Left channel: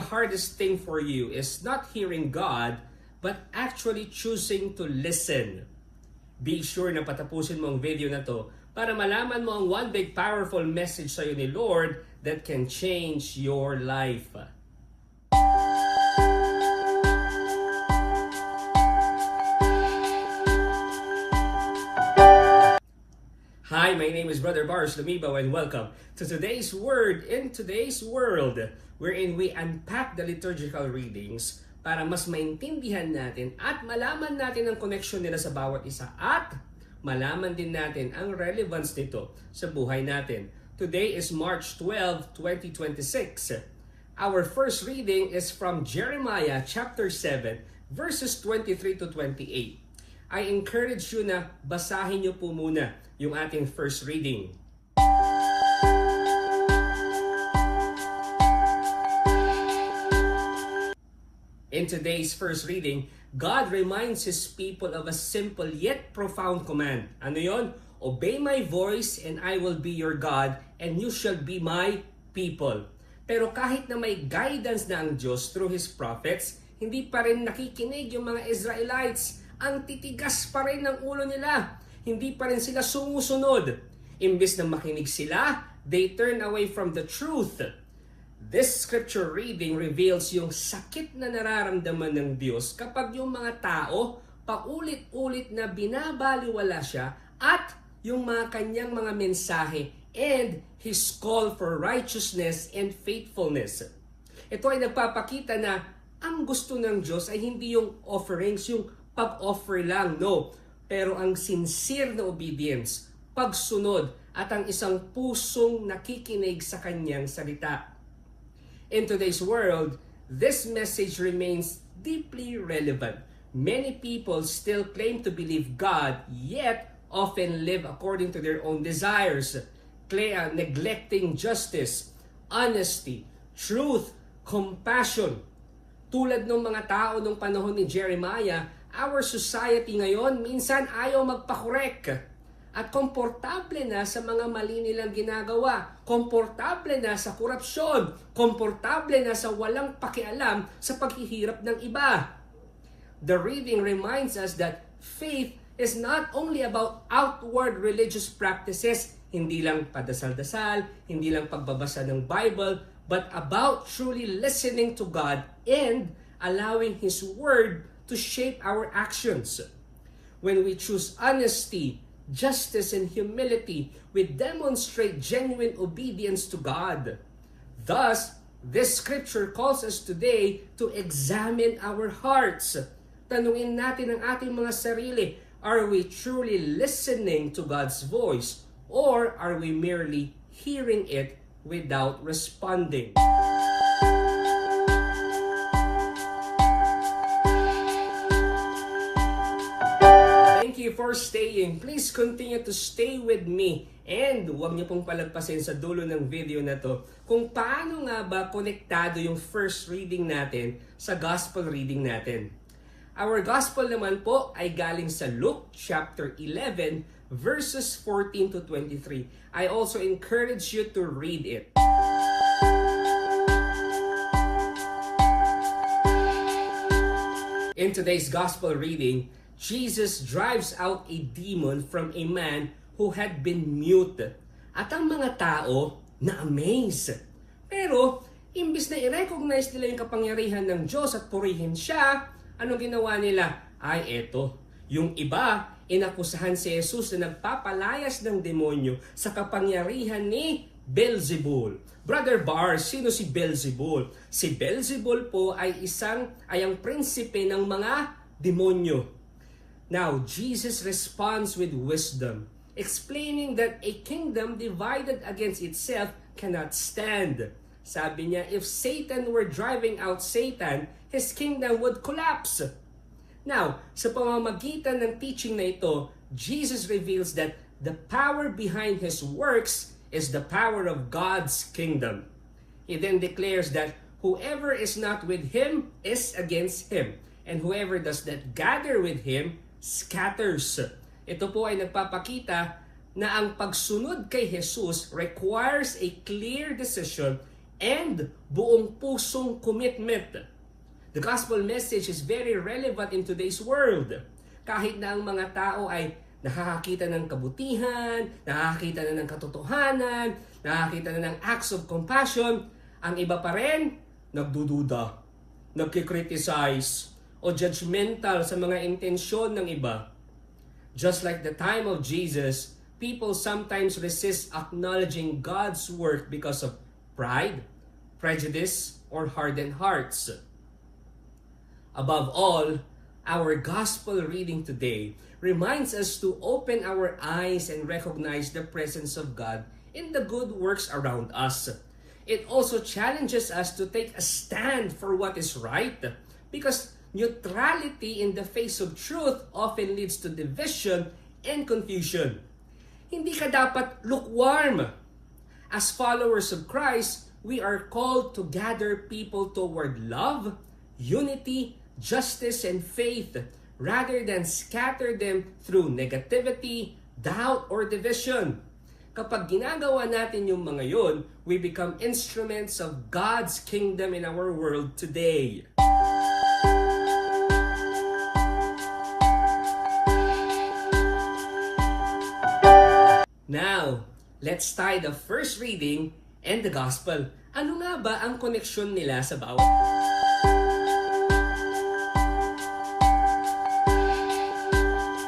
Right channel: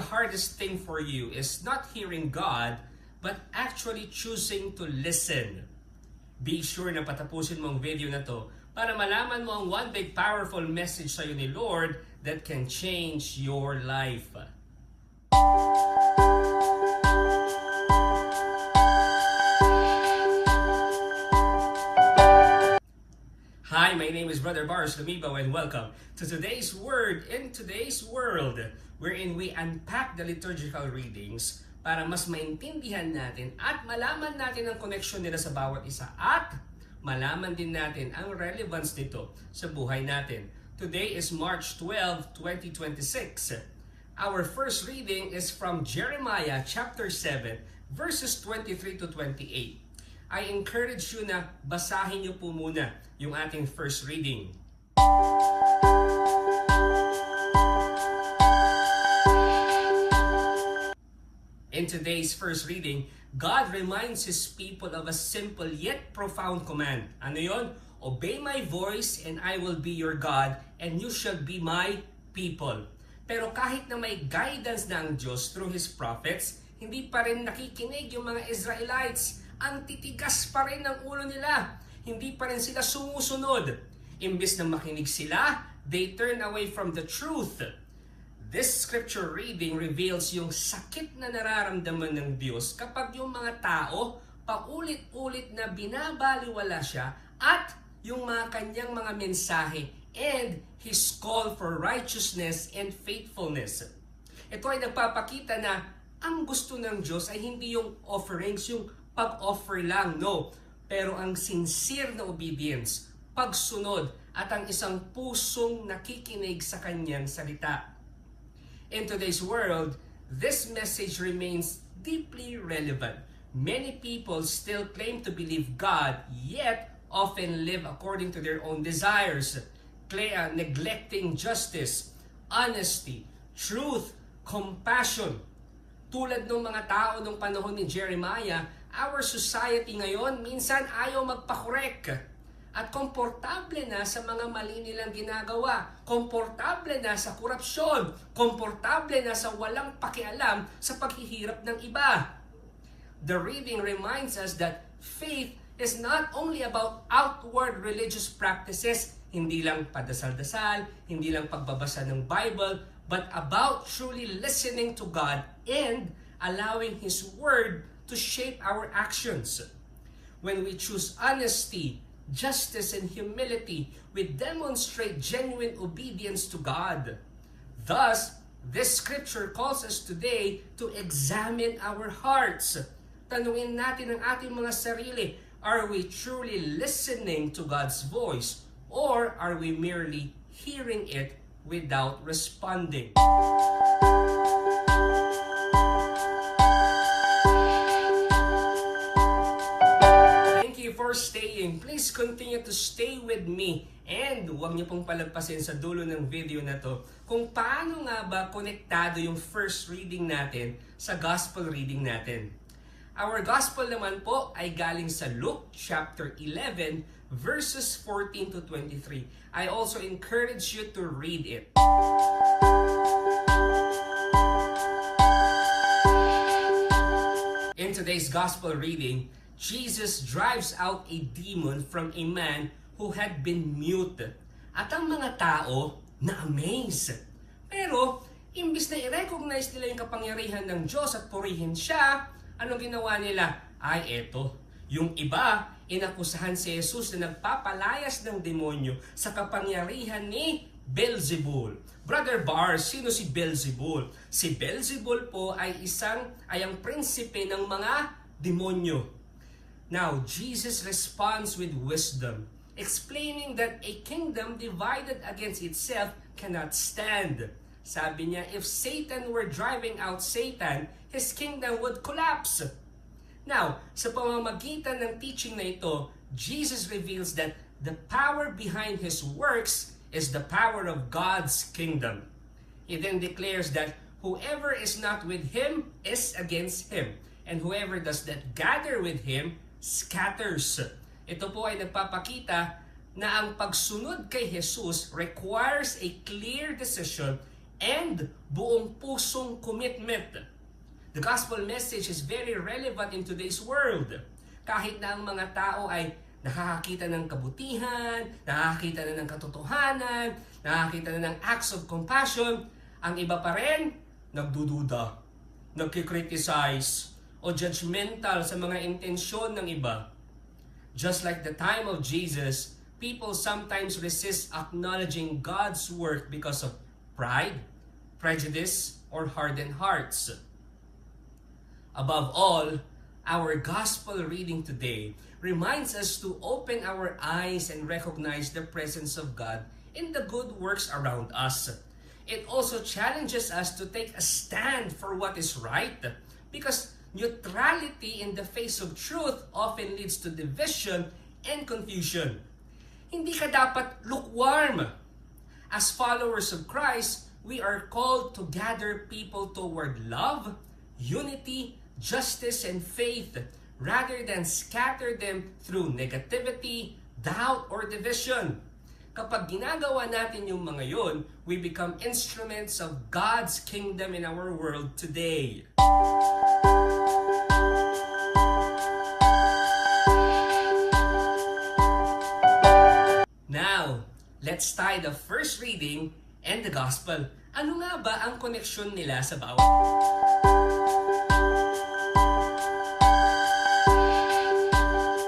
the hardest thing for you is not hearing God, but actually choosing to listen. Be sure na patapusin mo ang video na to para malaman mo ang one big powerful message sa'yo ni Lord that can change your life. Hi, my name is Brother Bars Lumibaw and welcome to today's Word in Today's World, wherein we unpack the liturgical readings para mas maintindihan natin at malaman natin ang connection nila sa bawat isa at malaman din natin ang relevance nito sa buhay natin. Today is March 12, 2026. Our first reading is from Jeremiah chapter 7, verses 23 to 28. I encourage you na basahin niyo po muna yung ating first reading. In today's first reading, God reminds His people of a simple yet profound command. Ano yon? Obey my voice and I will be your God and you shall be my people. Pero kahit na may guidance na ang Diyos through His prophets, hindi pa rin nakikinig yung mga Israelites. Ang titigas pa rin ng ulo nila. Hindi pa rin sila sumusunod. Imbes na makinig sila, they turn away from the truth. This scripture reading reveals yung sakit na nararamdaman ng Diyos kapag yung mga tao paulit-ulit na binabaliwala siya at yung mga kanyang mga mensahe and His call for righteousness and faithfulness. Ito ay nagpapakita na ang gusto ng Diyos ay hindi yung offerings, yung pag-offer lang, no. Pero ang sincere na obedience, pagsunod at ang isang pusong nakikinig sa kanyang salita. In today's world, this message remains deeply relevant. Many people still claim to believe God, yet often live according to their own desires, neglecting justice, honesty, truth, compassion. Tulad ng mga tao nung panahon ni Jeremiah, our society ngayon minsan ayaw magpakorek. At komportable na sa mga mali nilang ginagawa, komportable na sa korupsyon, komportable na sa walang pakialam sa paghihirap ng iba. The reading reminds us that faith is not only about outward religious practices, hindi lang padasal-dasal, hindi lang pagbabasa ng Bible, but about truly listening to God and allowing His Word to shape our actions. When we choose honesty, justice, and humility, we demonstrate genuine obedience to God. Thus, this scripture calls us today to examine our hearts. Tanungin natin ang ating mga sarili, are we truly listening to God's voice or are we merely hearing it without responding? For staying. Please continue to stay with me and huwag niyo pong palagpasin sa dulo ng video na to kung paano nga ba konektado yung first reading natin sa gospel reading natin. Our gospel naman po ay galing sa Luke chapter 11 verses 14 to 23. I also encourage you to read it. In today's gospel reading, Jesus drives out a demon from a man who had been mute. At ang mga tao na-amaze. Pero, imbis na i-recognize nila yung kapangyarihan ng Diyos at purihin siya, ano ginawa nila? Ay, eto. Yung iba, inakusahan si Jesus na nagpapalayas ng demonyo sa kapangyarihan ni Beelzebul. Brother Bar, sino si Beelzebul? Si Beelzebul po ay ang prinsipe ng mga demonyo. Now, Jesus responds with wisdom, explaining that a kingdom divided against itself cannot stand. Sabi niya, if Satan were driving out Satan, his kingdom would collapse. Now, sa pamamagitan ng teaching na ito, Jesus reveals that the power behind His works is the power of God's kingdom. He then declares that whoever is not with Him is against Him, and whoever does not gather with Him scatters. Ito po ay nagpapakita na ang pagsunod kay Jesus requires a clear decision and buong pusong commitment. The gospel message is very relevant in today's world. Kahit na ang mga tao ay nakakakita ng kabutihan, nakakakita na ng katotohanan, nakakakita na ng acts of compassion, ang iba pa rin, nagdududa, nagkikriticize, o judgmental sa mga intensyon ng iba. Just like the time of Jesus, people sometimes resist acknowledging God's work because of pride, prejudice, or hardened hearts. Above all, our gospel reading today reminds us to open our eyes and recognize the presence of God in the good works around us. It also challenges us to take a stand for what is right, because neutrality in the face of truth often leads to division and confusion. Hindi ka dapat lukewarm. As followers of Christ, we are called to gather people toward love, unity, justice, and faith, rather than scatter them through negativity, doubt, or division. Kapag ginagawa natin yung mga yon, we become instruments of God's kingdom in our world today. Now, let's tie the first reading and the gospel. Ano nga ba ang koneksyon nila sa bawat?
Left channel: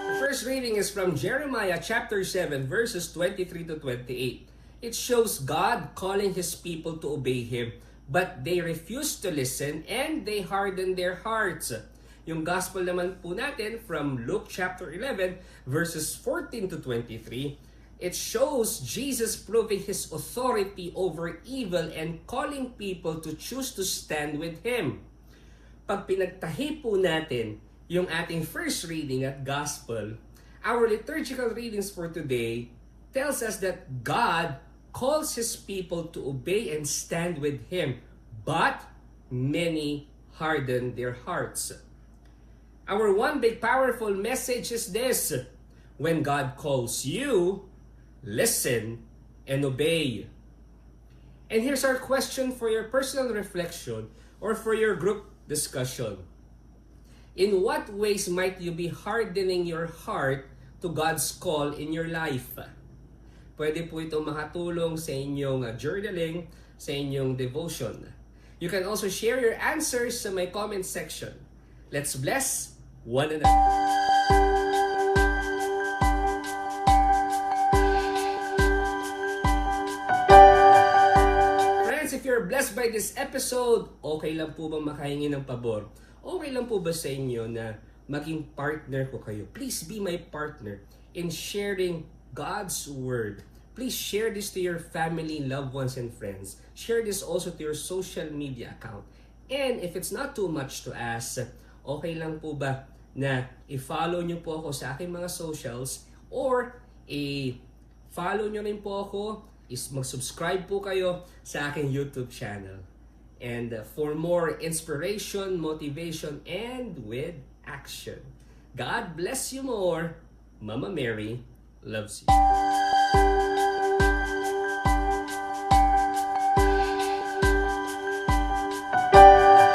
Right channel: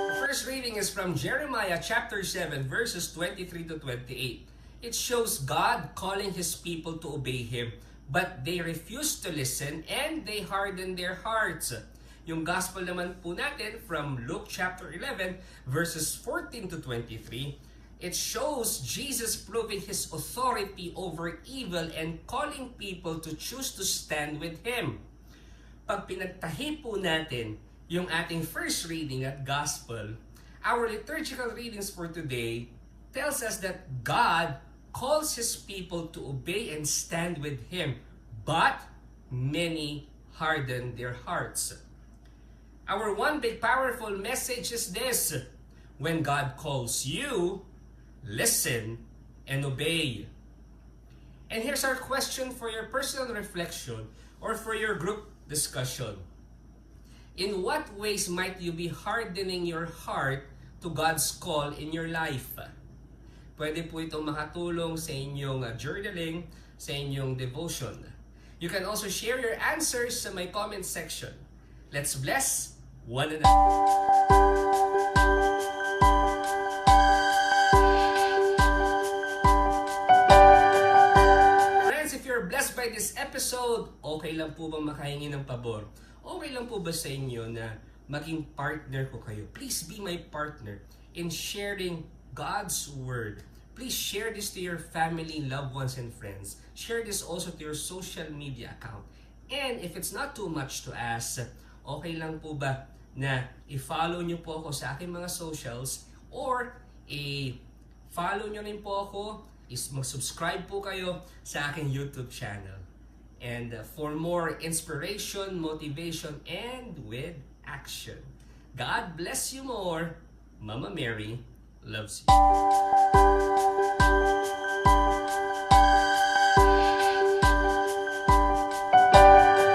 The first reading is from Jeremiah chapter 7 verses 23 to 28. It shows God calling His people to obey Him, but they refuse to listen and they harden their hearts. Yung gospel naman po natin from Luke chapter 11 verses 14 to 23. It shows Jesus proving His authority over evil and calling people to choose to stand with Him. Pag pinagtahi po natin yung ating first reading at gospel, our liturgical readings for today tells us that God calls His people to obey and stand with Him, but many harden their hearts. Our one big powerful message is this: when God calls you, listen and obey. And here's our question for your personal reflection or for your group discussion. In what ways might you be hardening your heart to God's call in your life? Pwede po itong makatulong sa inyong journaling, sa inyong devotion. You can also share your answers sa my comment section. Let's bless one another. Blessed by this episode, okay lang po ba makahingi ng pabor? Okay lang po ba sa inyo na maging partner ko kayo? Please be my partner in sharing God's Word. Please share this to your family, loved ones, and friends. Share this also to your social media account. And if it's not too much to ask, okay lang po ba na i-follow nyo po ako sa aking mga socials, or i-follow nyo rin po ako, is mag-subscribe po kayo sa aking YouTube channel. And for more inspiration, motivation, and with action. God bless you more. Mama Mary loves you.